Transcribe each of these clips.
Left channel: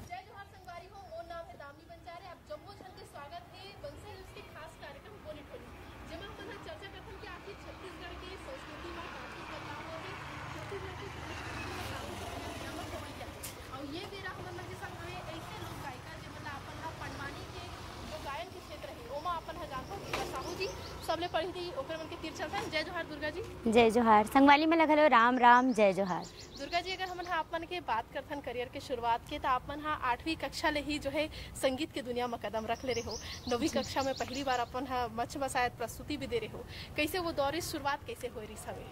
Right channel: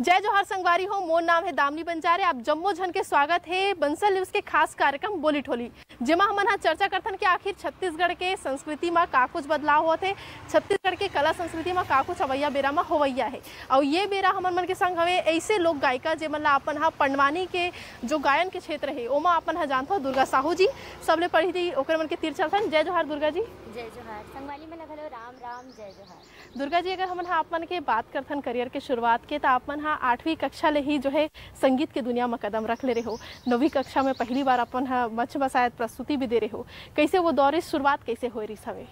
जय जोहार संगवारी हो। मोर नाम है दामिनी बंजारे। आप जम्मो झन के स्वागत है बंसल न्यूज के खास कार्यक्रम बोली ठोली, जेमा हमन हा चर्चा करथन कि आखिर छत्तीसगढ़ के संस्कृति में का कुछ बदलाव होते है, छत्तीसगढ़ के कला संस्कृति में का कुछ अवैया बेरा में होवैया है। और ये बेरा हमन मन के संग हवे ऐसे लोक गायिका जेमन ला अपन हा पंडवानी के जो गायन के क्षेत्र है ओमा अपन हा जानथो दुर्गा साहू जी। सबले पहले ओकर मन के तीर चलथन। जय जोहार दुर्गा जी। जय जोहार संगवाली में लगल हो राम राम जय जोहार। दुर्गा जी, अगर हमन हा आप मन के बात करथन करियर के शुरुआत के, तो आप मन हा 8वीं कक्षा ले ही जो है संगीत के दुनिया में कदम रख ले रहे हो। 9वीं कक्षा में पहली बार अपन हा मंच में शायद प्रस्तुति भी दे रहे हो। कैसे वो दौरे शुरुआत कैसे हो रही सवे?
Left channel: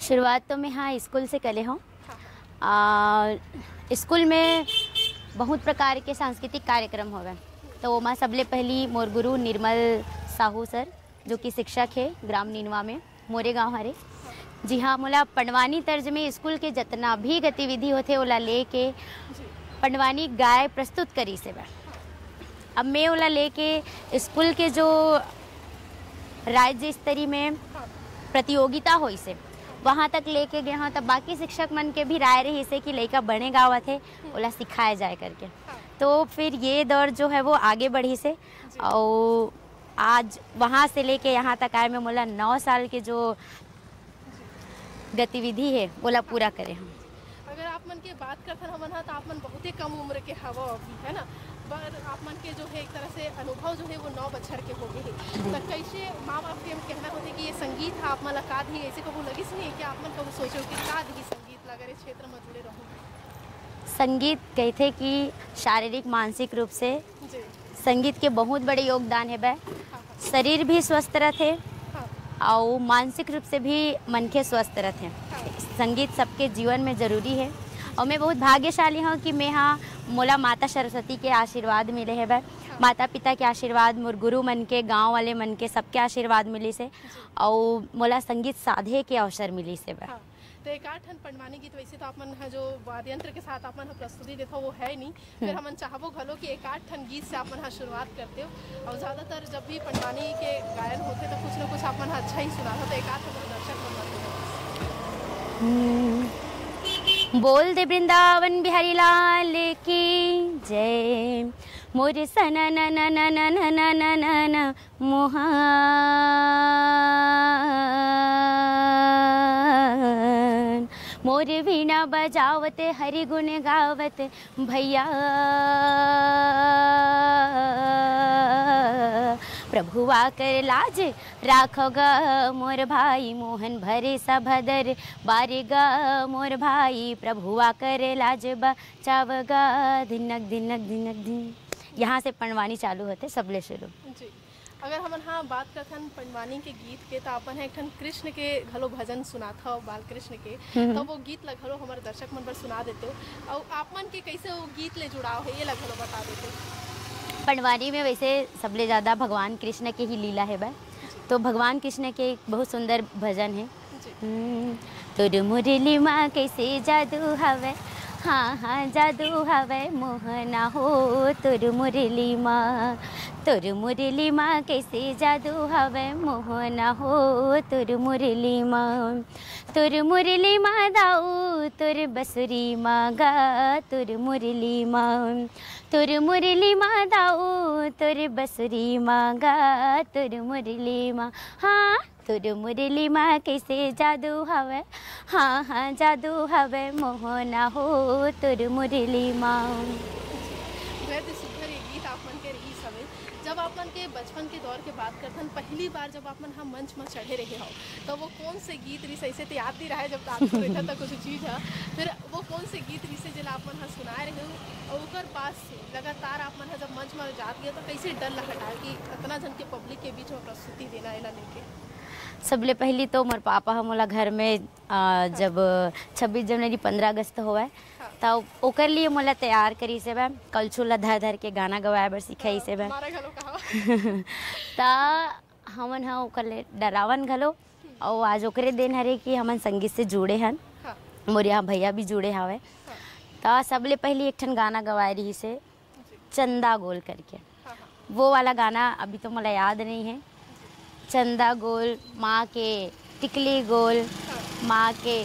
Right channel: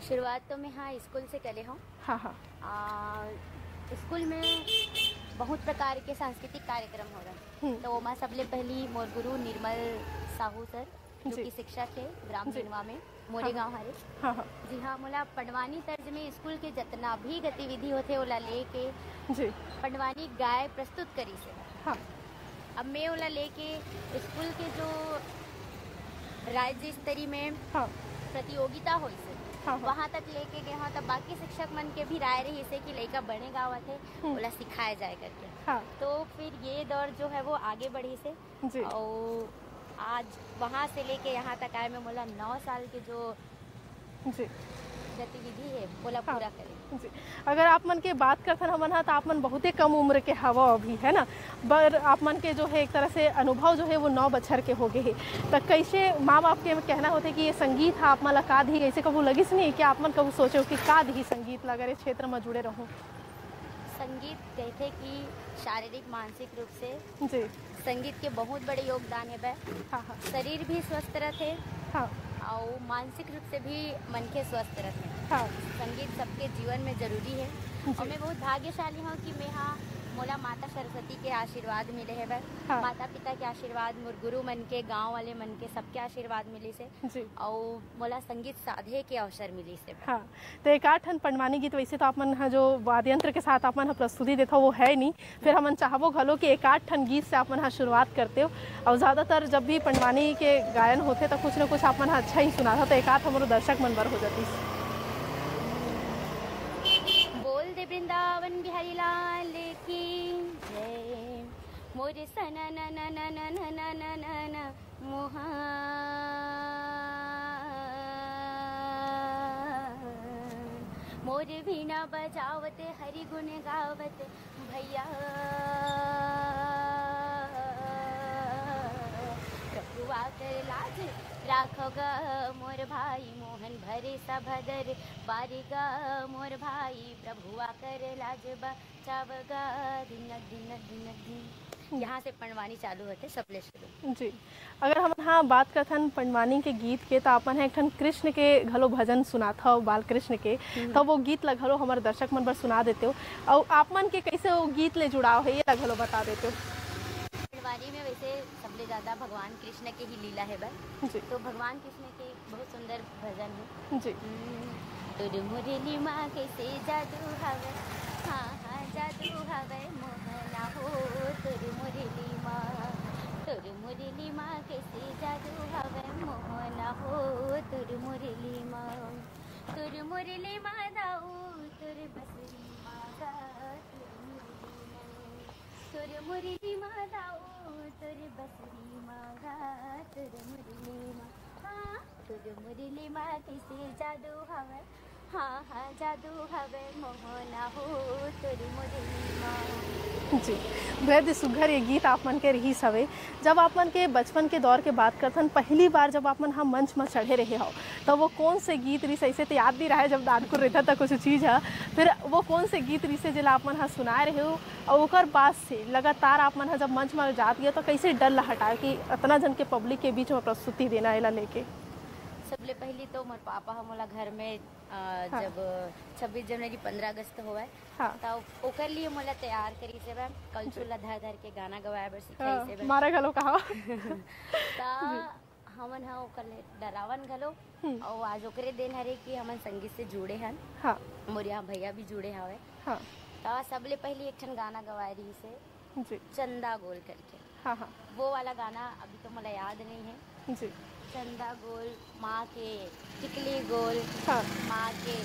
शुरुआत तो मैं हाँ स्कूल से कले हूँ। हाँ। स्कूल में बहुत प्रकार के सांस्कृतिक कार्यक्रम हो गए, तो मैं सबले पहली मोर गुरु निर्मल साहू सर जो कि शिक्षक है ग्राम नीनवा में मोरे गांव हरे। जी हाँ, मोला पंडवानी तर्ज में स्कूल के जितना भी गतिविधि होते ओला लेके पंडवानी गाय प्रस्तुत करी से बा। अब मैं ओला लेके स्कूल के जो राज्य स्तरीय में प्रतियोगिता हुई से वहाँ तक लेके गए हाँ, तब बाकी शिक्षक मन के भी राय रही से कि लड़का बने गाँव थे ओला सिखाया जाए करके। तो फिर ये दौर जो है वो आगे बढ़ी से और आज वहाँ से लेके यहाँ तक आए में मोला 9 साल के जो गतिविधि है ओला पूरा करे हम। अगर आप मन के बात करथन हमन हा, तो आप मन बहुते कम उम्र के हवा अभी है ना, पर आप मन के जो है एक तरह से अनुभव जो है वो 9 बछर के हो गए है। तो कैसे माँ बाप के कहना होते कि ये संगीत है आप मन ला का दी, ऐसे कबू लगिस नहीं कि आप मन कबू सोचो कि का दी संगीत ला अगर इस क्षेत्र में जुड़े रहूँ? संगीत कहते कि शारीरिक मानसिक रूप से संगीत के बहुत बड़े योगदान है बे। शरीर भी स्वस्थ रहते और मानसिक रूप से भी मन के स्वस्थ रहते हैं। संगीत सबके जीवन में जरूरी है और मैं बहुत भाग्यशाली हूँ कि मैं हाँ मोला माता सरस्वती के आशीर्वाद मिले है भाई। माता पिता के आशीर्वाद, मोर गुरु मन के, गांव वाले मन के, सबके आशीर्वाद मिली से और मोला संगीत साधे के अवसर मिली से भाई। तो एक आठन पंडवानी गीत वैसे तो अपन जो वाद्य यंत्र के साथ अपन प्रस्तुति देता वो है नहीं, फिर हम चाहबो घलो कि एक आठन गीत से अपन शुरुआत करते हो। और ज़्यादातर जब भी पंडवानी के गायन होते तो कुछ न कुछ अपन अच्छा ही सुना था, तो एक आठ हमारे दर्शक मन बर हो जाती। बोल दे वृंदावन बिहारी लाल की जय, मोर सना ना ना ना ना ना ना ना ना ना मोहन, मोर वीणा बजावत हरि गुण गावत भैया, प्रभुआ कर लाज राखो ग मोर भाई, मोहन भरे सभदर बारे ग मोर भाई, प्रभुआ कर लाज बचाव ग धिनक धिनक धिनक धिन। यहाँ से पंडवानी चालू होते सबले शुरू। जी, अगर हम हाँ बात करथन पंडवानी के गीत के, तो अपन है एक कृष्ण के घलो भजन सुना था बाल कृष्ण के, तो वो गीत ला घलो हमारे दर्शक मन पर सुना देते हो। और आप मन के कैसे वो गीत ले जुड़ाव है ये ला घलो बता देते हो। पंडवानी में वैसे सबले ज़्यादा भगवान कृष्ण के ही लीला है भाई, तो भगवान कृष्ण के एक बहुत सुंदर भजन है। तुर मुरली माँ कैसे जादू हवे, हाँ हाँ जादू हवे मोहना हो, तुर मुरली माँ, तुर मुरली माँ कैसे जादू हवे मोहना हो, तुर मुरली माँ, तुर मुरली माँ दाऊ तुर बसुरी माँ गा, तुर मुरली माँ, तुर मुरली माँ दाऊ तुर बसुरी माँ गा, तुर मुरली माँ, हाँ तुर मुरली माँ कैसे जादू हवे, हाँ हाँ जादू हवे मोहना हो, तुर मुरली माँ। जी, बेहद सुघर ये गीत आप मन के रही सवे। जब आप मन के बचपन के दौर के बात करथन, पहली बार जब आप मन हम मंच में चढ़े रहे हो, तो वो कौन से गीत रही ऐसे तो याद नहीं रहा है जब दादपुर रहता था कुछ चीज़ है, फिर वो कौन से गीत रही से जिला आप मन सुनाए रहे हो? और ओकर बाद से लगातार आप मन जब मंच में जात गया तो कैसे डर ला हटा कि इतना जन के पब्लिक के बीच में प्रस्तुति देना एला लेके? सबले पहली तो मोर पापा हमला घर में जब 26 जनवरी 15 अगस्त होवे तब ओकर लिए मोला तैयार करी से बा, कलछुला धर धर के गाना गवाए बर सिखाई से बा। मारे घलो कहा ता हमन हा ओकर ले डरावन घलो और आज ओकरे दिन हरे कि हमन संगीत से जुड़े हन। मोर यहाँ भैया भी जुड़े हवे। ता सबले पहली एक ठन गाना गवाए रही से चंदा गोल करके, वो वाला गाना अभी तो मोला याद नहीं है। चंदा गोल माँ के टिकली गोल, माँ के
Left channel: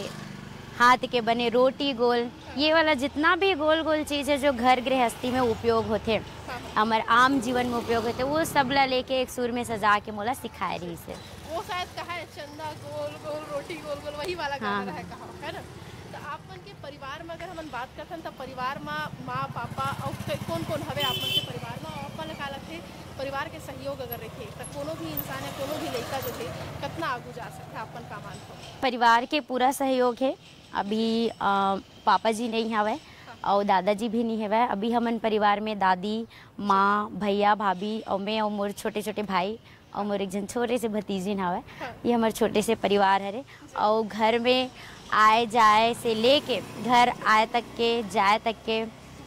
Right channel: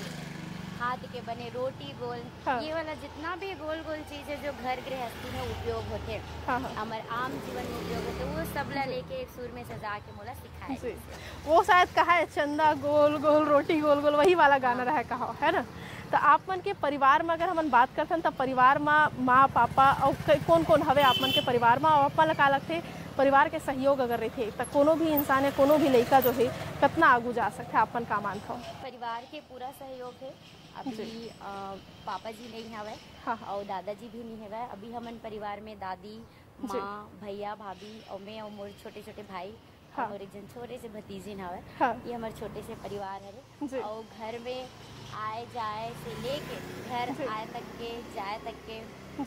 हाथ के बने रोटी गोल, हाँ। ये वाला जितना भी गोल गोल चीज़ है जो घर गृहस्थी में उपयोग होते, हाँ। हमारे आम जीवन में उपयोग होते, वो सब ला लेके एक सुर में सजा के मोला सिखाए रही से। वो शायद कहा है चंदा गोल गोल रोटी गोल गोल, वही वाला गाना हाँ। रहा कहा है ना। तो आप मन के परिवार में अगर हम बात करते हैं तो परिवार में माँ पापा और कौन कौन हवे आप मन के परिवार में, और आपा लगा लगते परिवार के सहयोग अगर रहे तो कोनो भी इंसान है, कोनो भी लड़का जो है कितना आगू जा सकते हैं, आपन का मानता हो? परिवार के पूरा सहयोग है। अभी पापा जी नहीं हवे और दादाजी भी नहीं हवे। अभी हमन परिवार में दादी माँ भैया भाभी और मैं और मोर छोटे छोटे भाई और मोर एक जन छोटे से भतीजी हवे। ये हमारे छोटे से परिवार है। और घर में आए जाए से लेके घर आए तक के जाए तक के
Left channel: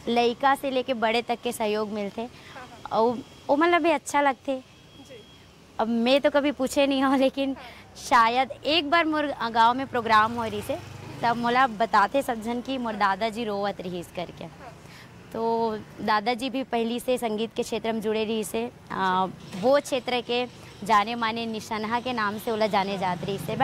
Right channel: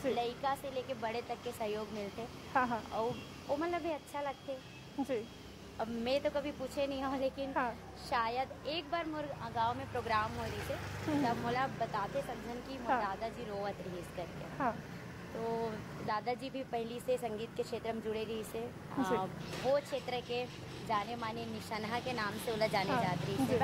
लड़का से लेके बड़े तक के सहयोग मिलते और वो मतलब भी अच्छा लगते। अब मैं तो कभी पूछे नहीं हूँ, लेकिन शायद एक बार मोर गांव में प्रोग्राम हो रही से तब मोला बताते सब जन की मोर दादाजी रोवत रही इस करके। तो दादाजी भी पहली से संगीत के क्षेत्र में जुड़े रही से, वो क्षेत्र के जाने माने निशनहा के नाम से ओला जाने जात रही से।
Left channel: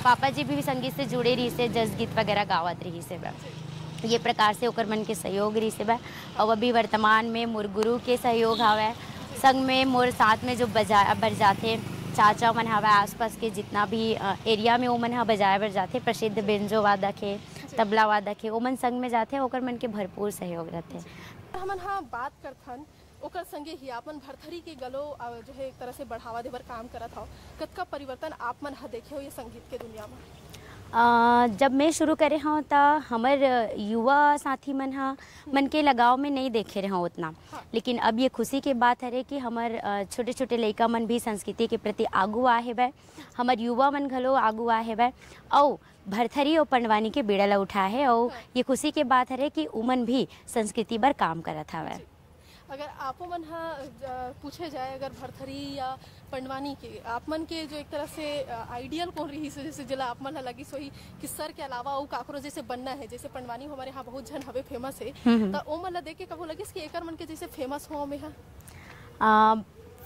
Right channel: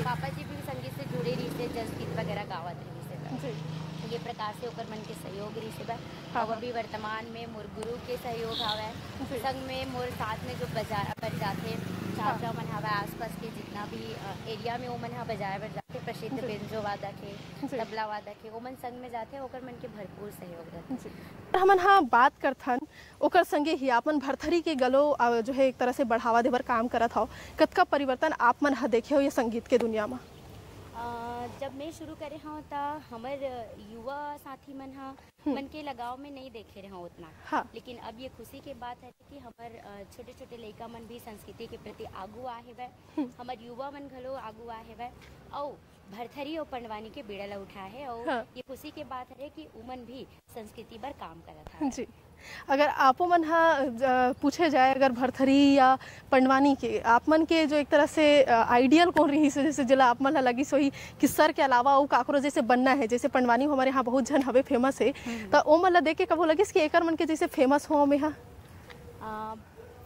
पापा जी भी संगीत से जुड़े रही से, जस गीत वगैरह गावत रही से। ये प्रकार से ओकर मन के सहयोग रही से। और अभी वर्तमान में मोर गुरु के सहयोग हवे, संग में मोर साथ में जो बज जाते चाचा मन हवे, आसपास के जितना भी एरिया में वो मन ह बजाए बर जाते, प्रसिद्ध बेंजो वादक है, तबला वादक है, वो मन संग में जाते, ओकर मन के भरपूर सहयोग रहते। हमन हाँ बात करथन ओकर संगे ही आपन भरथरी के गलो जो है एक तरह से बढ़ावा देवर काम करत हो, कतका परिवर्तन आप मन ह देखे हो ये संगीत के दुनिया में? जब मैं शुरू करे हूँ तो हमार युवा साथी मन मन के लगाव में नहीं देखे रहे उतना। लेकिन अब ये खुशी के बात है कि हमार छोटे छोटे लड़का मन भी संस्कृति के प्रति आगू आए है, हमार युवा मन घलो आगू आए है और भरथरी और पंडवानी के बेड़ा ला उठा है। और ये खुशी के बात है कि उमन भी संस्कृति पर काम करत हवे। अगर आपो मन पूछे जाए अगर भरथरी या पंडवानी के आप मन के जो एक तरह से आइडियल कौन रही से, जैसे जिला आप मन लगी सोही कि सर के अलावा वो काकरो जैसे बनना है, जैसे पंडवानी हमारे यहाँ बहुत जन हवे फेमस है, तो वो मन देख के कबो लगिस कि एकर मन के जैसे फेमस हो में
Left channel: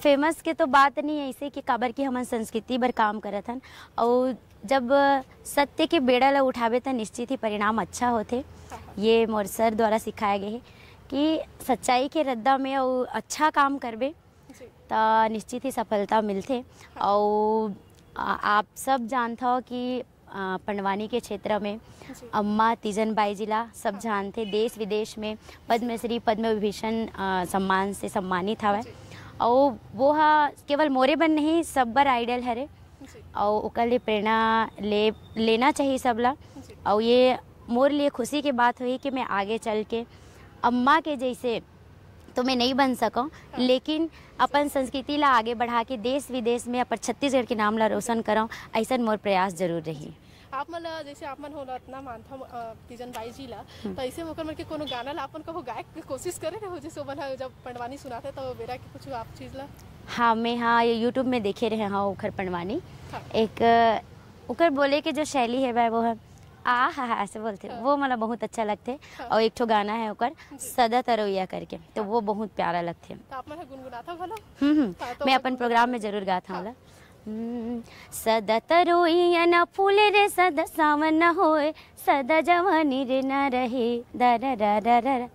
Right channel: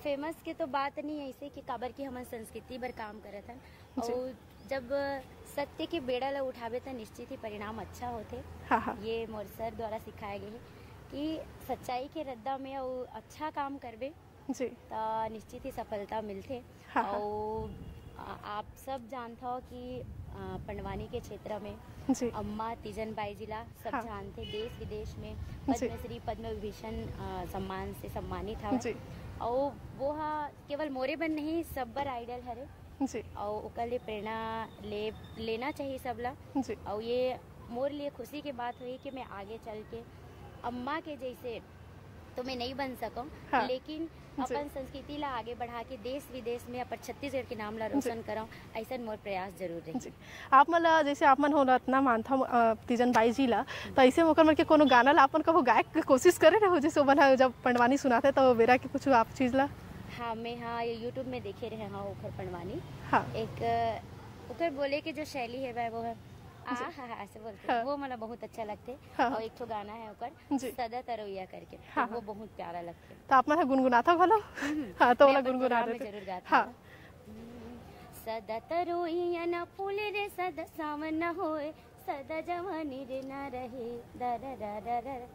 फेमस के तो बात नहीं है ऐसे कि काबर की हमारे संस्कृति पर काम करत हन। और जब सत्य के बेड़ा ला उठावे तो निश्चित ही परिणाम अच्छा होते। ये मोर सर द्वारा सिखाए गए कि सच्चाई के रद्दा में और अच्छा काम करबे तो निश्चित ही सफलता मिलते। और आप सब जानते हो कि पंडवानी के क्षेत्र में अम्मा तीजन बाई जिला सब जानते, देश विदेश में पद्मश्री पद्म विभूषण सम्मान से सम्मानित हवे। और वो केवल मोरे बन नहीं सब बर आइडल हरे और ओकर लिए प्रेरणा लेना चाहिए सबला। और ये मोर लिए खुशी की बात हुई कि मैं आगे चल के अम्मा के जैसे तो मैं नहीं बन सकूं, लेकिन अपन संस्कृति ला आगे बढ़ा के देश विदेश में अपन छत्तीसगढ़ के नाम ला रोशन करूं, ऐसा मोर प्रयास जरूर रही। आप मन जैसे आप मन हो इतना मानता तीजन बाई जी ला, तो ऐसे मौका मन के कोनो गाना ला अपन कहो गायक कोशिश करे रहो, जैसे वो जब पंडवानी सुनाते तो बेरा के कुछ आप चीज ला? हाँ मैं ये यूट्यूब में देखे रहे ओखर पंडवानी। एक ओकर बोले के जो शैली है वो है ऐसे बोलते हैं, वो मतलब बहुत अच्छा लगते। और एक ठो गाना है ओकर सदा तरोइया करके, तो वो बहुत प्यारा लगते। तो आप मन गुनगुनाता भलो? तो मैं अपन प्रोग्राम में जरूर गाता हूँ। सदा तरोइया न फूले रे सदा सावन न होए, सदा जवानी रे न रहे दर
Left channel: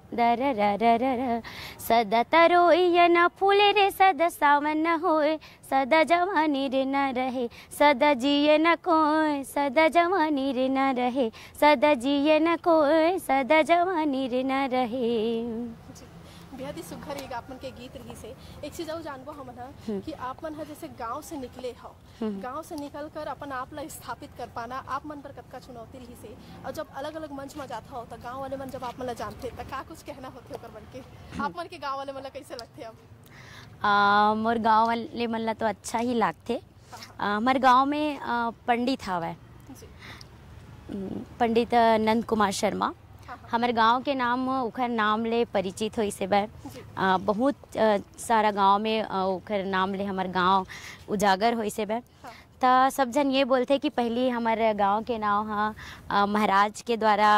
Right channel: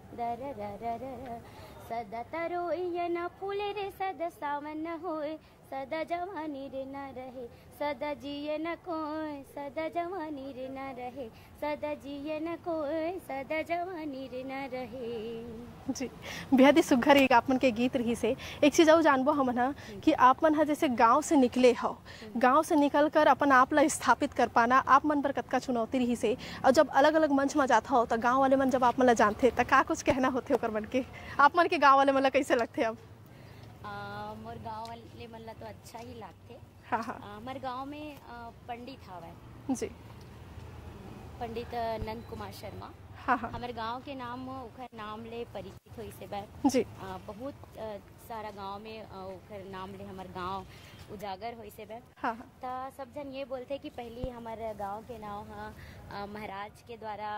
सदा तरोइया न फूले रे सदा सावन न होए, सदा जवानी रे न रहे, सदा जिए न कोई सदा जवानी रे न रहे, सदा जिए न कोई सदा जवानी रे न रहे। जी बेहद ही सुघर एक आप मन के गीत रही से। एक चीज और जानबो हमन कि आप मन जैसे गांव से निकले हो, गांव से निकल कर अपन आप ला स्थापित कर पाना आप मन पर कतका चुनौती रही से, और जब अलग अलग मंच में जाता हो तो गांव वाले मन जब आप मन ला जानते तो का कुछ कहना होते ओकर मन के, आप मन के गांव वाले मन ला कैसे लगते? अब मोर गांव वाले मन ला तो अच्छा ही लागते। हमारे गांव में पंडित हवे जी, पंडित नंद कुमार शर्मा। हमारे गांव के नाम ओखर नाम ले परिचित हो से बहुत सारा गांव में ओखर नाम ले हमारे गांव उजागर हो से तो सब जन ये बोलते कि पहले हमारे गांव के नाम महाराज के द्वारा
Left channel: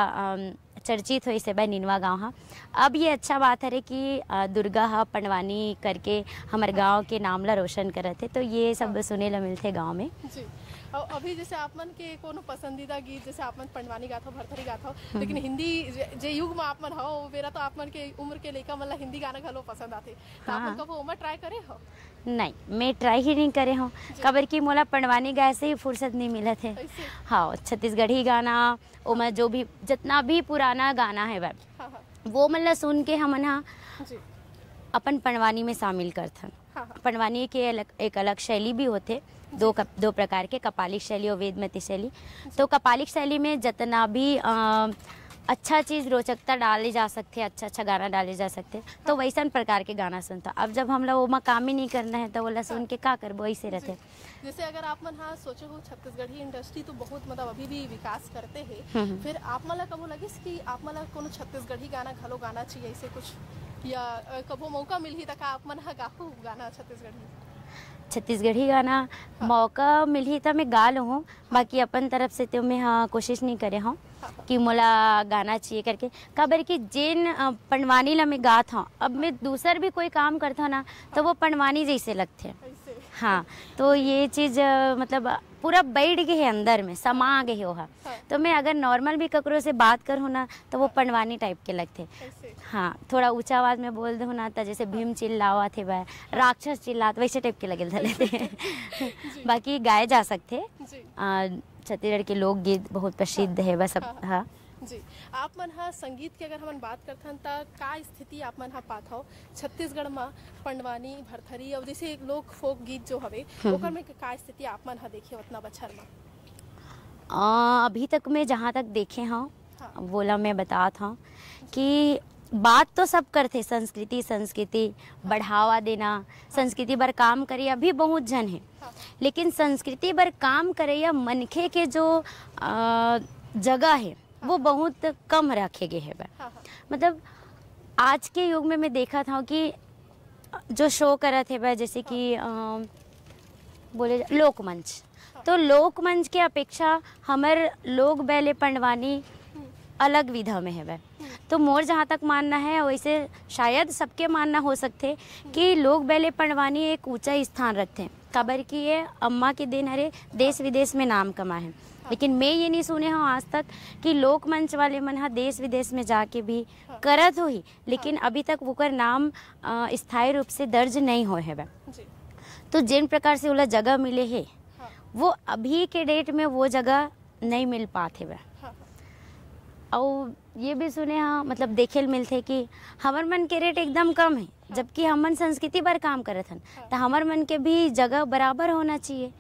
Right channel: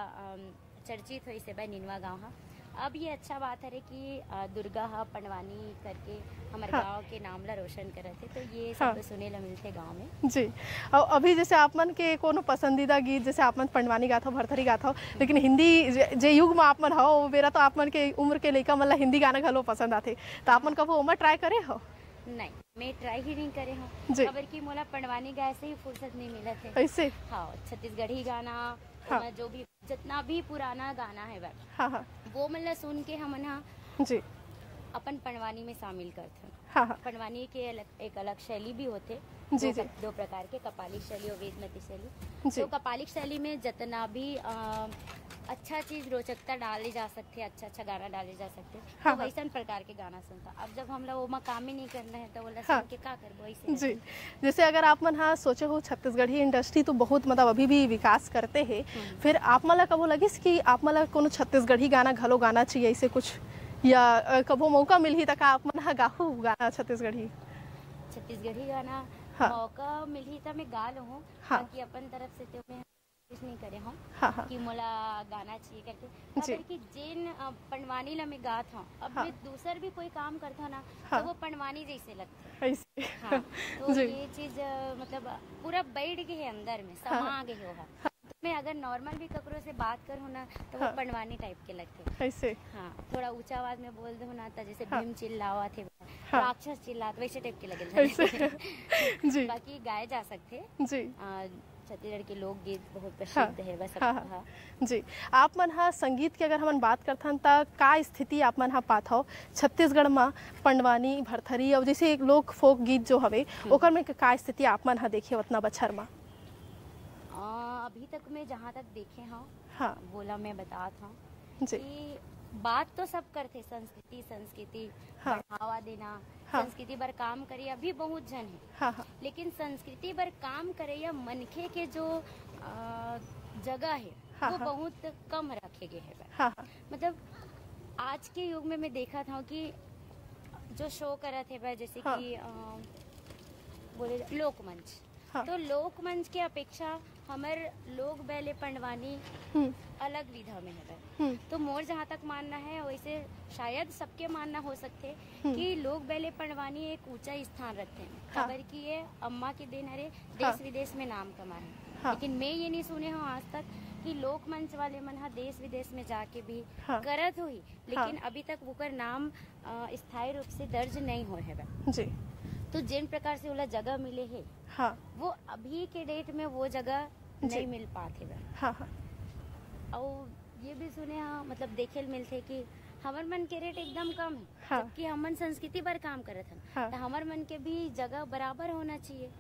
चर्चित हो इसे बा निनवा गाँव हा। अब ये अच्छा बात है रे कि दुर्गा हा पंडवानी करके हमारे गांव के नाम ला रोशन करत थे, तो ये सब सुने ला मिलते गांव में जी। और अभी जैसे आप मन के कोनो पसंदीदा गीत, जैसे आप मन पंडवानी गात हो, भरथरी गात हो, लेकिन हिंदी जे युग में आप मन हो वो बेरा तो आप मन के उम्र के लइका मन ला हिंदी गाना घलो पसंद आथे, तो आप मन कबो ओमा ट्राई करे हो? नहीं, मैं ट्राई ही नहीं करे हूँ, खबर की मोला पंडवानी गाय से ही फुर्सत नहीं मिला थे। ऐसे हाँ, छत्तीसगढ़ी गाना ओमा जो भी जितना भी पुराना गाना है वह हाँ। वो मतलब सुन के हमन हा जी अपन पंडवानी में शामिल करथन। हाँ। पंडवानी के एक अलग शैली भी होते, दो प्रकार के, कपालिक शैली और वेदमती शैली। तो कपालिक शैली में जितना भी अच्छा चीज रोचकता डाले जा सकते, अच्छा गाना डाले जा सकते, तो वैसा प्रकार के गाना सुनता। अब जब हम लोग वो काम ही नहीं करना है तो वो सुन के क्या करबो, ऐसे रहते। जैसे अगर आप मन हाँ सोचे हो छत्तीसगढ़ी इंडस्ट्री तो बहुत मतलब अभी भी विकास करते हैं, फिर आप मन ला कबो लगिस कि आप मन ला कोनो छत्तीसगढ़ी गाना घलो गाना चाहिए ऐसे कुछ, या कबो मौका मिलही तक आप मन हा गाहू गाना छत्तीसगढ़ी गाना मौका मिली तो मैं गा लूँ, बाकी अपन तरफ से तो मैं कोशिश नहीं करे हूँ कि मोला गाना चाहिए करके। खबर कि जिन पंडवानी ला मैं गात हूँ, अब मैं दूसर भी कोई काम करता ना तो वो पंडवानी जैसे लगते हैं। हाँ, तो ये चीज मतलब पूरा बैठ गए है अंदर में, समा गए हो। तो मैं अगर नॉर्मल भी ककरो से बात करूँ ना तो वो पंडवानी टाइप के लगते। हाँ, थोड़ा ऊंचा आवाज में बोल दो ना तो जैसे भीम चिल्लावा थे वह, राक्षस चिल्लात, वैसे टाइप के लगे। बाकी गाए जा सकते। छत्तीसगढ़ के लोकगीत बहुत प्रसिद्ध है बस। हाँ जी। आप मन हा संगीत की अगर हम बात करथन त का स्थिति आप मन हा पात हो छत्तीसगढ़ में पंडवानी, भरथरी और जैसे एक लोक फोक गीत जो हवे ओकर में का स्थिति आप मन हा देखे उतना बछर में? अभी तक मैं जहाँ तक देखे हूँ बोला मैं बताता हूँ कि बात तो सब करते संस्कृति बढ़ावा देना, संस्कृति बर काम करे अभी बहुत जन है, लेकिन संस्कृति बर काम करे या मनखे के जो जगह है वो बहुत कम रखे गए है। मतलब आज के युग में मैं देखा था कि जो शो करा थे जैसे कि बोले लोकमंच, तो लोकमंच के अपेक्षा हमारे लोक बैले पंडवानी अलग विधा में है वह। तो मोर जहाँ तक मानना है वैसे शायद सबके मानना हो सकते कि लोक बैले पंडवानी एक ऊंचा स्थान रखते हैं। खबर की ये अम्मा के दिन अरे देश विदेश में नाम कमाए हैं, लेकिन मैं ये नहीं सुने हूँ आज तक कि लोक मंच वाले मन देश विदेश में जाके भी करत हो ही, लेकिन अभी तक वो कर नाम स्थायी रूप से दर्ज नहीं हो है वह। तो जिन प्रकार से वो जगह मिले है वो अभी के डेट में वो जगह नहीं मिल पाते वह। और ये भी सुने हाँ मतलब देखे मिलते कि हमार मन के रेट एकदम कम है, जबकि हमन संस्कृति पर काम करत हन, तो हमार मन के भी जगह बराबर होना चाहिए।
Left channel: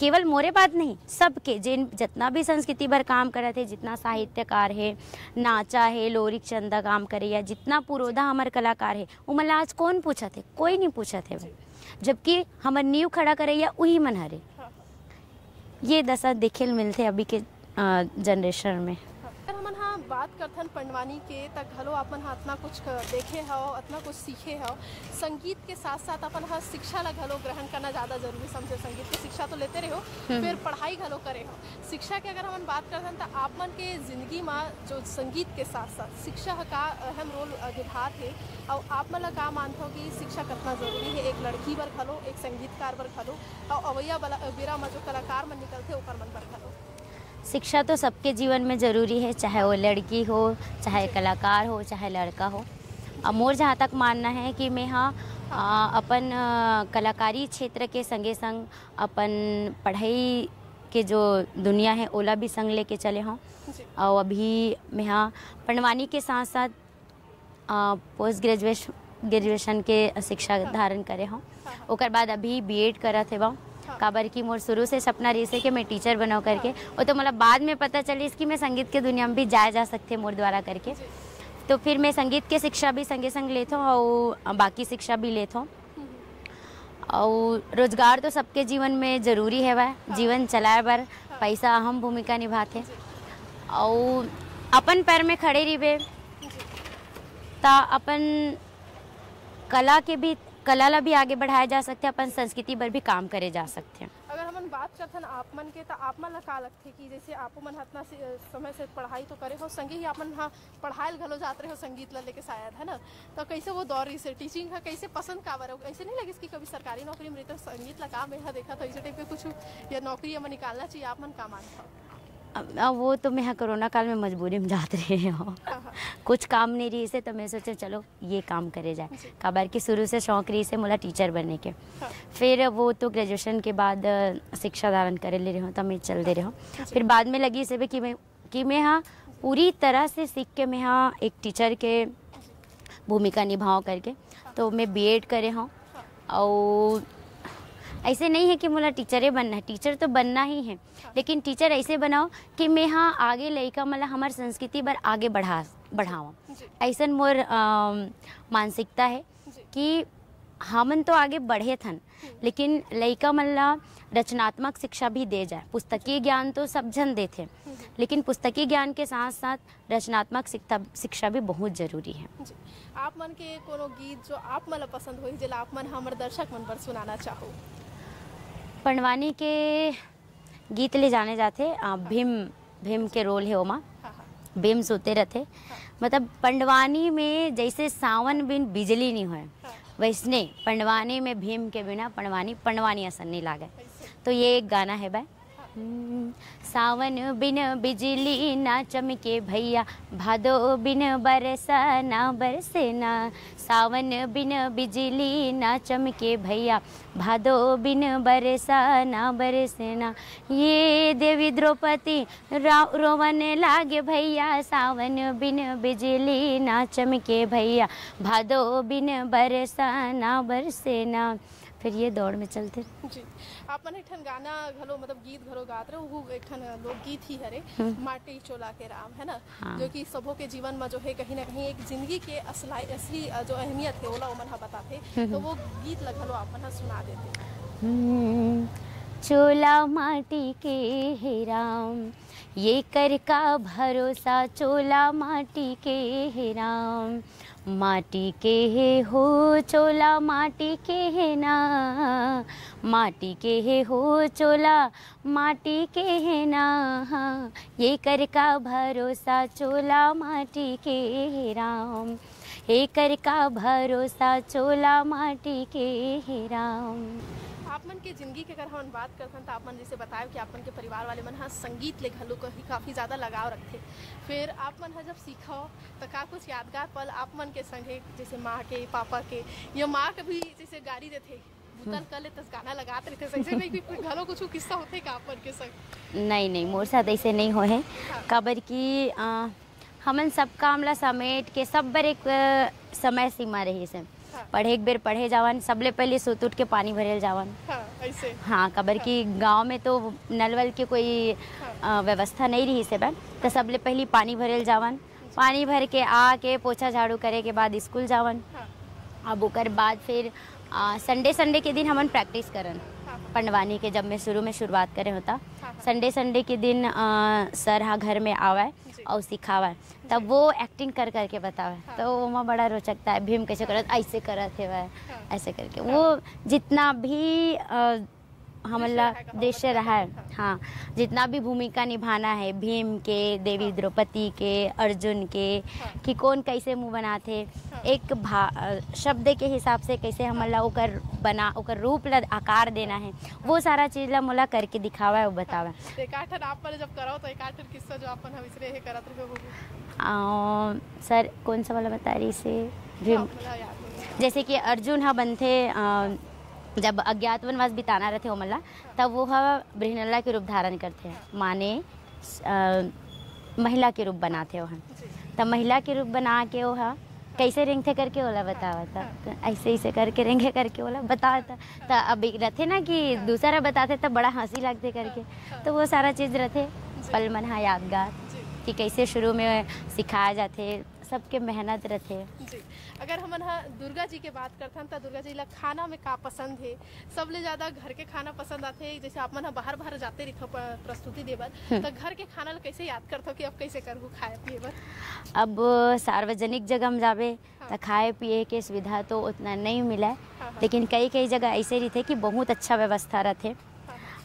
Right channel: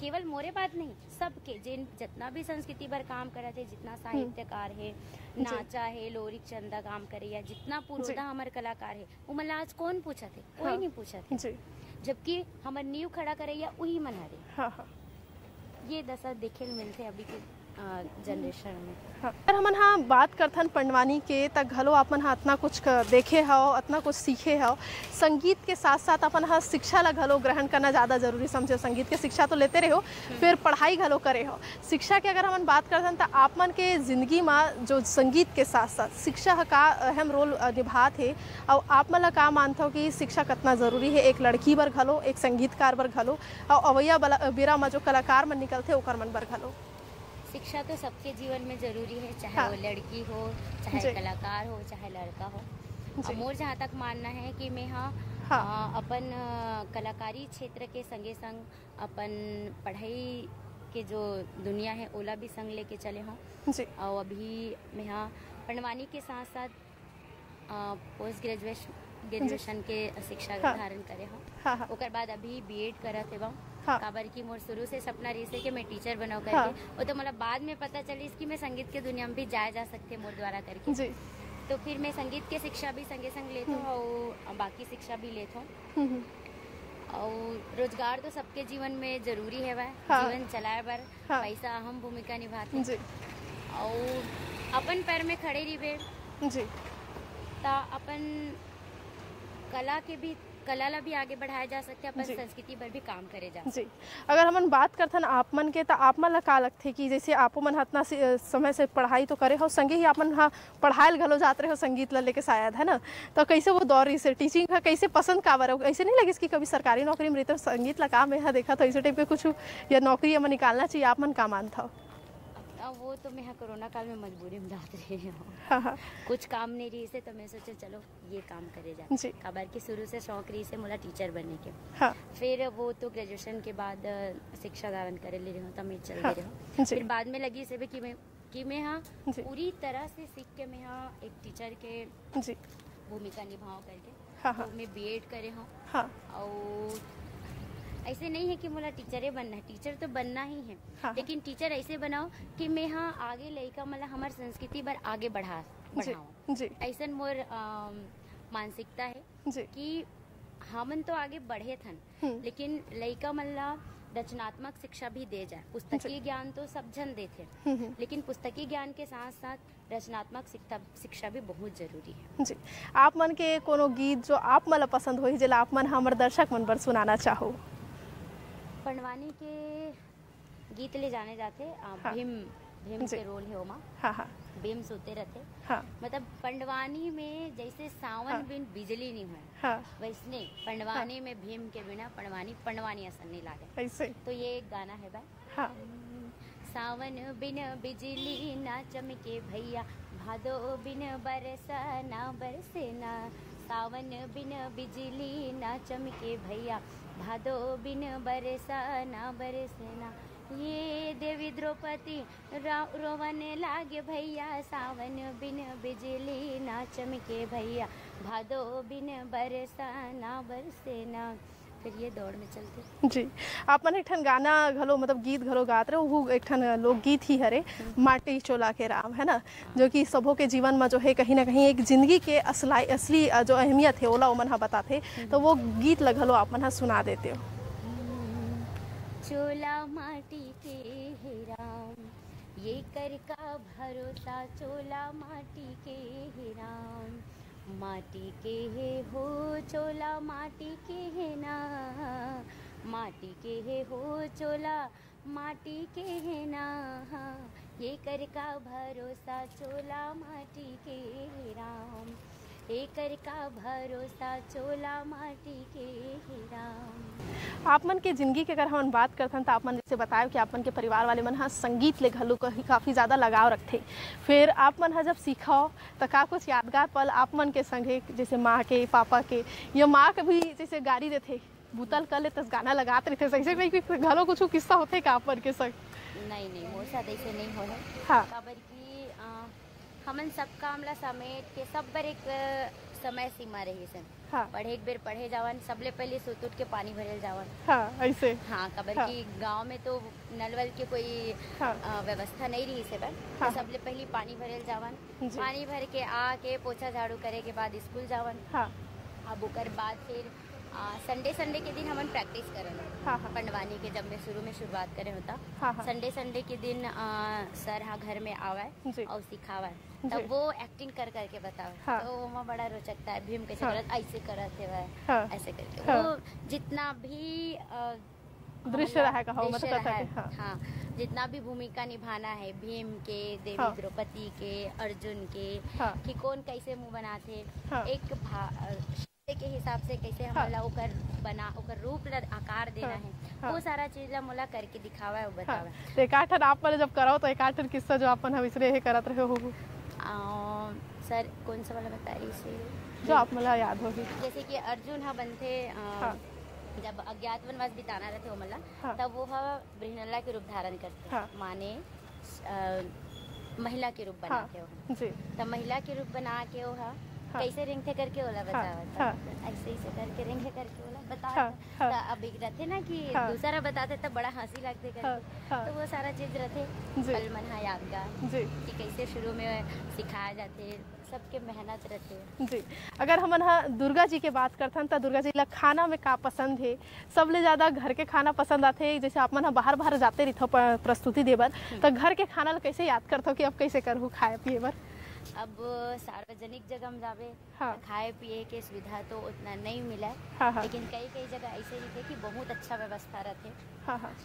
केवल मोरे बात नहीं, सबके जितना भी संस्कृति पर काम करत है, जितना साहित्यकार है, नाचा है, लोरिक चंदा काम करे या जितना पुरोधा हमार कलाकार है, वो मतलब आज कौन पूछा थे? कोई नहीं पूछा थे, जबकि हमार नींव खड़ा करे या वही मन हरे। ये दशा देखे मिलते अभी के जनरेशन में। अगर हमन हाँ बात करथन पंडवानी के तक घलो अपन हाँ इतना कुछ देखे हो, इतना कुछ सीखे हो। संगीत के साथ साथ अपन हाँ शिक्षा ला घलो ग्रहण करना ज़्यादा जरूरी समझे। संगीत के शिक्षा तो लेते रहो, फिर पढ़ाई घलो करे हो। शिक्षा के अगर हमन बात करथन तो आप मन के जिंदगी में जो संगीत के साथ साथ शिक्षा का अहम रोल निभात है, और आप मन ला का मानते हो कि शिक्षा कितना जरूरी है एक लड़की बर घलो, एक संगीतकार बर घलो, और अवैया बेरा में जो कलाकार मन निकलते ओकर मन बर घलो? शिक्षा तो सबके जीवन में जरूरी है, चाहे वो लड़की हो, चाहे कलाकार हो, चाहे लड़का हो। मोर जहाँ तक मानना है कि मैं अपन कलाकारी क्षेत्र के संगे संग अपन पढ़ाई के जो दुनिया है ओला भी संग लेके चले हों। और अभी मैं पंडवानी के साथ साथ पोस्ट ग्रेजुएशन के शिक्षा धारण करे हों। ओकर बाद अभी बीएड करा थे वहाँ काबर की मोर शुरू से सपना रही है कि मैं टीचर बनाओ करके, और तो मतलब बाद में पता चली इसकी मैं संगीत के दुनिया में भी जाया जा सकते मोर द्वारा करके। तो फिर मैं संगीत के शिक्षा भी संगे संग लेता हूँ और बाकी शिक्षा भी लेता हूँ। और रोजगार तो सबके जीवन में जरूरी है वह, जीवन चलाए बर पैसा अहम भूमिका निभाते। और अपन पैर में खड़े रहे ता अपन कला के भी कला ला भी आगे बढ़ाया जा सकते हैं, अपन जी। संस्कृति पर भी काम करे जा सकते हैं। अगर हमन बात करथन आप मन के, तो आप मन ला का लगथे कि जैसे आपो मन इतना समय से पढ़ाई तो करे हो, संगे ही आप मन हा पढ़ायल घलो जात रहे हो संगीत ला लेके शायद, है ना? तो कैसे वो दौर से टीचिंग का कैसे पसंद काबर हो? ऐसे नहीं लगे कि कभी सरकारी नौकरी में रहते संगीत ला काम है देखा तो ऐसे टाइप पे कुछ या नौकरी हमें निकालना चाहिए, आप मन का मानता हो? अब वो तो मैं कोरोना काल में मजबूरी में जाते रहे हो, कुछ काम नहीं रही से, तो मैं सोचे चलो ये काम करे जाए। जी। खबर की शुरू से शौक रही से मोला टीचर बनने के। हाँ। फिर वो तो ग्रेजुएशन के बाद शिक्षा धारण करे ले रहे हो, तो मैं चल दे रहे हो। जी। फिर बाद में लगी से भी कि मैं हाँ जी। पूरी तरह से सीख के मैं हाँ एक टीचर के जी। भूमिका निभाऊँ करके। हाँ। तो मैं बीएड करे हूँ। हाँ। और ऐसे नहीं है कि मुझे टीचर बनना है, टीचर तो बनना ही है। हाँ। लेकिन टीचर ऐसे बनाओ कि मैं हाँ आगे लड़का मतलब हमारे संस्कृति पर आगे बढ़ाऊँ। जी। ऐसा मोर मानसिकता है जी। कि हमन तो आगे बढ़े थन, लेकिन लड़का मतलब रचनात्मक शिक्षा भी दे जाए। पुस्तकीय ज्ञान तो सब जन देते, लेकिन पुस्तकीय ज्ञान के साथ साथ रचनात्मक शिक्षा भी बहुत जरूरी है। जी। आप मन के कोनो गीत जो आप मन पसंद हो जिला आप मन हमारे दर्शक मन पर सुनाना चाहो? पंडवानी के गीत ले जाने जाते भीम के रोल है ओमा। हाँ। हाँ। भीम सोते रहते। हाँ। मतलब पंडवानी में जैसे सावन बिन बिजली नहीं है, हाँ। वैसने पंडवानी में भीम के बिना पंडवानी असन नहीं लागे। ऐसे। तो ये एक गाना है भाई। हाँ। सावन बिन बिजली ना चमके भैया, भादो बिन बरसा ना बरसे ना। सावन बिन बिजली ना चमके भैया, भादो बिन बरसा ना बरसे ना। ये देवी द्रौपदी रोवन लागे भैया, सावन बिन बिजली ना चमके भैया, भादो बिन बरसा ना बरसे ना। फिर ये दौड़ में चलते। जी। आप मन एक ठन गाना घलो मतलब गीत घलो गात रहे, वो एक ठन लोकगीत ही हरे, माटी चोला के राम, है ना? हाँ। जो कि सबों के जीवन में जो है कहीं ना कहीं एक जिंदगी के असली जो अहमियत है ओला ओमन हा बताते। तो वो गीत घलो आप मन हा सुना देते हो। चोला माटी के हे राम, ये कर का भरोसा, चोला माटी के हे राम। माटी के हे हो चोला माटी के हे ना, माटी के हे हो चोला माटी के हे ना। ये कर का भरोसा, चोला माटी के हे राम। ये कर का भरोसा, चोला माटी के हे राम। आप मन के जिंदगी के अगर हम बात करथन तो आप मन जैसे बताए कि आप मन के परिवार वाले मन हाँ संगीत ले घलो काफ़ी ज़्यादा लगाव रखते। फिर आप मन हाँ जब सीखो तो का कुछ यादगार पल आप मन के संगे, जैसे माँ के पापा के या माँ के भी जैसे गाड़ी देते बुतल कर ले तस गाना लगाते रहते, ऐसे नहीं घलो कुछ किस्सा होते का आप मन के संग? नहीं मोर साथ ऐसे नहीं हो है। हाँ। काबर की हमन सब काम ला समेट के सब बर एक समय सीमा रही से। हाँ। पढ़े एक बेर पढ़े जावन, सबले पहले सुत उठ के पानी भरेल जावन। हाँ, ऐसे। हाँ, काबर की गांव में तो नल वल के कोई व्यवस्था नहीं रही से बन। तो सबले पहले पानी भरेल जावन, पानी भर के आके पोछा झाड़ू करे के बाद स्कूल जावन। अब ओकर बाद फिर संडे के दिन हमन प्रैक्टिस करन। पंडवानी के जब मैं शुरू में शुरुआत करे होता, संडे के दिन सर हाँ घर में आवे और सिखावे, तब वो एक्टिंग कर करके बतावे। तो वो बड़ा रोचक था, भीम कैसे करत, ऐसे करत है वह, ऐसे करके वो जितना भी हमला दृश्य रहा है। हाँ, जितना भी भूमिका निभाना है भीम के, देवी द्रौपदी के, अर्जुन के, कि कौन कैसे मुंह बनाते, एक शब्द के हिसाब से कैसे हमला ओकर रूप ला आकार देना है, वो सारा चीज ला मोला करके दिखावा है, वो बतावा। एक आठन आप मन जब करो तो एक आठन किस्सा जो अपन हम इसरे करत रहे हो। सर कौन सा वाला बता रही से जो आप मला याद हो? जैसे कि अर्जुन हा बनते जब अज्ञातवनवास बिताना रहते हो मल्ला, तब वो बृहनल्ला के रूप धारण करते हैं। माने महिला के रूप बनाते हो, तब महिला के रूप बना के वो कैसे रेंगते करके वाला बतावा था। तो ऐसे करके रेंगे करके वाला बताता। तो अभी रहते ना कि दूसरा बताते तब बड़ा हंसी लगते करके, तो वो सारा चीज रहते पल मन यादगार कि कैसे शुरू में सिखाया जाते सबके मेहनत रहते। जी, अगर हमन हा दुर्गा जी के बात करथन तो दुर्गा जी ला खाना में का पसंद है? सबले ज्यादा घर के खाना पसंद आथे, जैसे आप मन हा बाहर बाहर जाते रहिथो प्रस्तुति देबर, तो घर के खाना ला कैसे याद करथो कि अब कैसे करहु खाए पिए बर? अब सार्वजनिक जगह में जावे तो खाए पिए के सुविधा तो उतना नहीं मिला, लेकिन कई कई जगह ऐसे रहते कि बहुत अच्छा व्यवस्था रहते।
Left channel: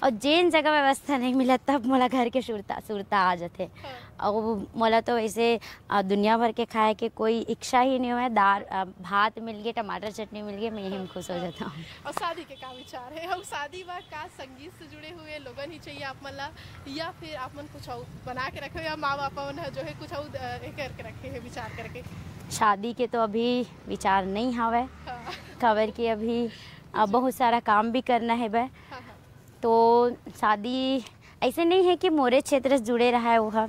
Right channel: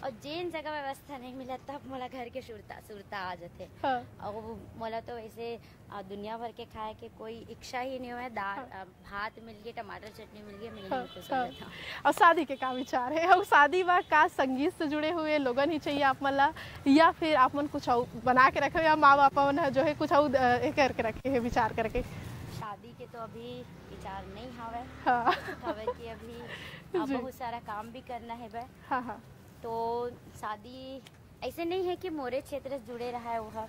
और जेन जगह व्यवस्था नहीं मिला तब मोला घर के सुरता आ जाते। और मोला तो ऐसे दुनिया भर के खाए के कोई इच्छा ही नहीं हुआ। दाल भात मिल गए, टमाटर चटनी मिल गई, मैं यही में खुश हो जाता हूँ। और शादी के का विचार है? और शादी में का संगीत से जुड़े हुए लोगन ही चाहिए आप मन ला, या फिर आप मन कुछ और बना के रखे, या माँ बाप मन जो है कुछ और करके रखे है विचार करके? शादी के तो अभी विचार नहीं हवे, खबर की अभी बहुत सारा काम भी करना है बे। तो शादी ऐसे नहीं है कि मोरे क्षेत्र से जुड़े रहा है, वो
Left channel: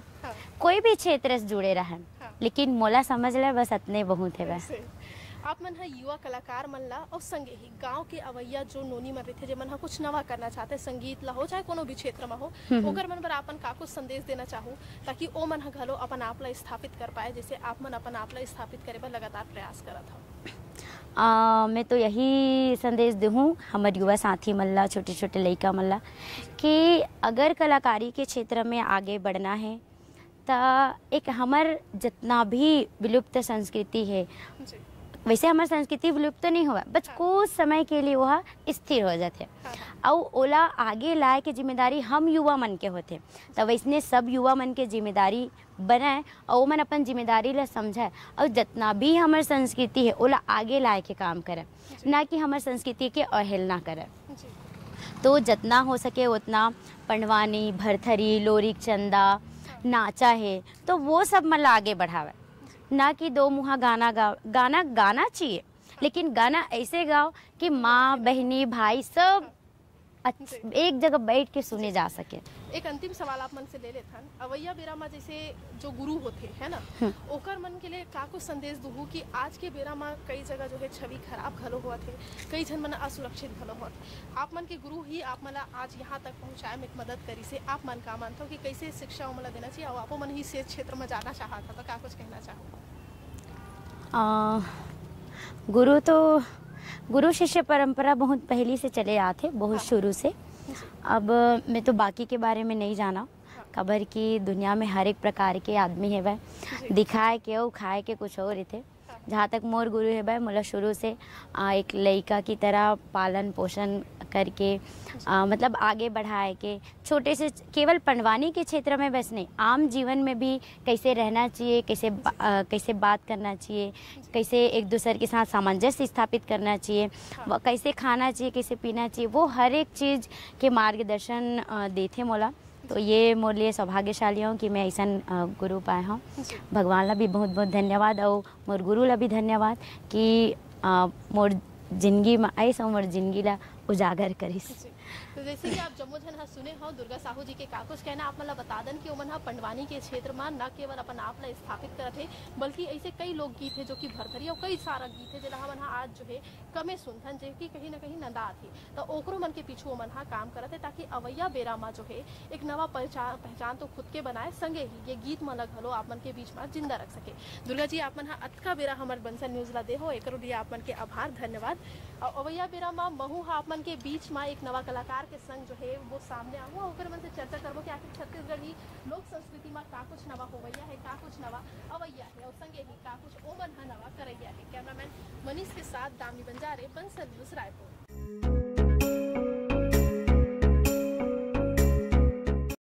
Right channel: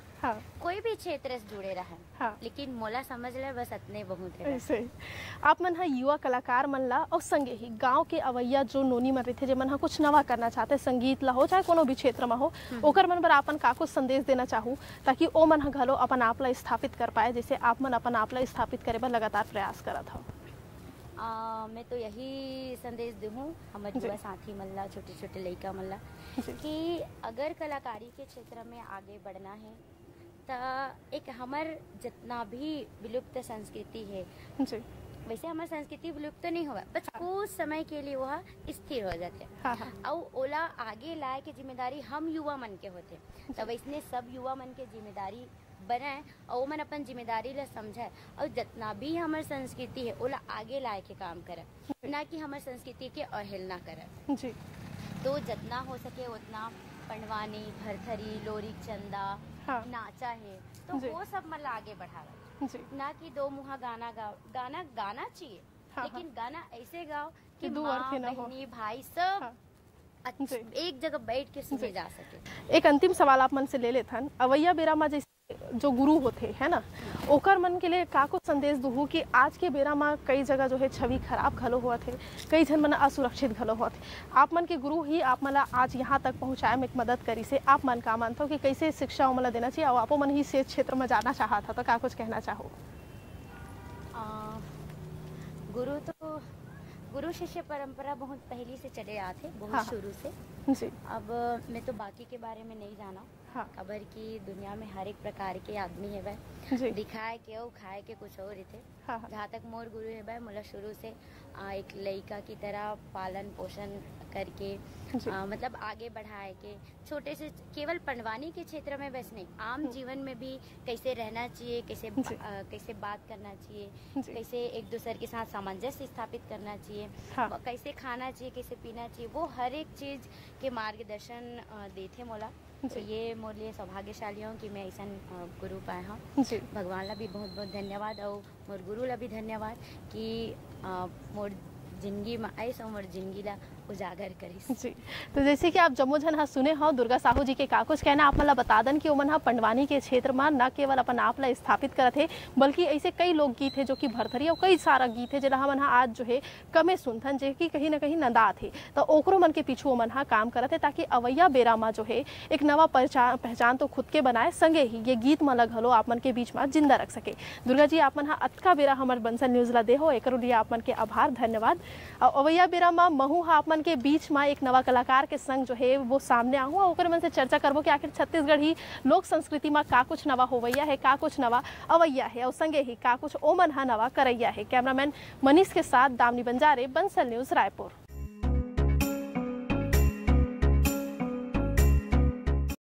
कोई भी क्षेत्र से जुड़े रहा है, लेकिन मोला समझ ले बस इतने बहुत है बस। आप मन हा युवा कलाकार मन ला और संगे ही गांव के अवैया जो नोनी मन रहे, जे मन हा कुछ नवा करना चाहते, संगीत ला हो चाहे कोनो भी क्षेत्र में हो, ओकर मन पर आपन का कुछ संदेश देना चाहूँ ताकि ओ मन हा घलो अपन आप ला स्थापित कर पाए, जैसे आप मन अपन आप ला स्थापित करे बर लगातार प्रयास करत हो? मैं तो यही संदेश दूँ हमारे युवा साथी मल्ला, छोटे छोटे लड़का मल्ला, कि अगर कलाकारी के क्षेत्र में आगे बढ़ना है तो एक हमार जितना भी विलुप्त संस्कृति है, वैसे हमारी संस्कृति विलुप्त नहीं हुआ, बस कुछ समय के लिए वह स्थिर हो जाते और ओला आगे लाए के जिम्मेदारी हम युवा मन के होते। तो वैसने सब युवा मन के जिम्मेदारी बनाए और वो मन अपन जिम्मेदारी ला समझाए और जितना भी हमारी संस्कृति है ओला आगे लाए के काम करे, ना कि हमारी संस्कृति के अवहेलना करे। तो जितना हो सके उतना पंडवानी, भरथरी, लोरिक चंदा, नाचा है तो वो सब मन आगे बढ़ावे, ना कि दो मुहा गाना गाओ। गाना चाहिए, लेकिन गाना ऐसे गाओ कि माँ बहनी भाई सब एक जगह बैठ के सुने जा सके। एक अंतिम सवाल आप मन से ले लेथन, अवैया बेरा में जैसे जो गुरु होते है ना, ओकर मन के लिए का को संदेश दूँ कि आज के बेरा में कई जगह जो है छवि खराब घलो हुआ थे, कई जन मन असुरक्षित घलो हुआ थे। आप मन के गुरु ही आप मन आज यहाँ तक पहुँचाए में एक मदद करी से, आप मन का मानते हो कि कैसे शिक्षा मन देना चाहिए, और आप मन ही से क्षेत्र में जाना चाहा था तो का कुछ कहना चाहो? गुरु शिष्य परंपरा बहुत पहले से चले आते, बहुत शुरू से। अब मैं तो बाकी के बारे में नहीं जाना, खबर की दुनिया में हर एक प्रकार के आदमी है वह, दिखाए के और खाए के कुछ और थे। जहाँ तक मोर गुरु है भाई, मोला शुरू से एक लड़का की तरह पालन पोषण करके मतलब आगे बढ़ाए के, छोटे से केवल पंडवानी के क्षेत्र में बस नहीं, आम जीवन में भी कैसे रहना चाहिए, कैसे बात करना चाहिए, कैसे एक दूसरे के साथ सामंजस्य स्थापित करना चाहिए, कैसे खाना चाहिए, कैसे पीना चाहिए, वो हर एक चीज़ के मार्गदर्शन देते मोला। तो ये मोर लिए सौभाग्यशाली हूँ कि मैं ऐसा गुरु पाए हूँ। भगवान ला भी बहुत बहुत धन्यवाद और मोर गुरु ला भी धन्यवाद कि मोर जिंदगी में ऐसा मोर जिंदगी ला उजागर करी। जी, तो जैसे कि आप जम्मू झन हा सुने हो दुर्गा साहू जी के का कुछ कहना, आप मला बता दन कि ओमन हा पंडवानी के क्षेत्र में न केवल अपन आप ला स्थापित करत है, बल्कि ऐसे कई लोकगीत है जो कि भरथरी और कई सारा गीत है जिला हमन हा आज जो है कमे सुनथन, जे कि कहीं ना कहीं नंदात है, तो ओकरो मन के पीछू ओमन हा काम करत है ताकि अवैया बेरा में जो है एक नवा पहचान तो खुद के बनाए, संगे ही ये गीत मन घलो आप मन के बीच में जिंदा रख सके। दुर्गा जी आप मन हा अतका बेरा हमार बंसल न्यूज ला दे हो, एक लिए आप मन के आभार धन्यवाद। अवैया बेरा में महू हा आप मन के बीच में एक नवा कलाकार के संग जो है वो सामने आऊँ और ओकर मन से चर्चा करबो कि आखिर छत्तीसगढ़ ही लोक संस्कृति में का कुछ नवा होवैया है, का कुछ नवा अवैया है और संगे ही का कुछ ओमन हा नवा करैया है। कैमरामैन मनीष के साथ दामनी बंजारे, बंसल न्यूज रायपुर।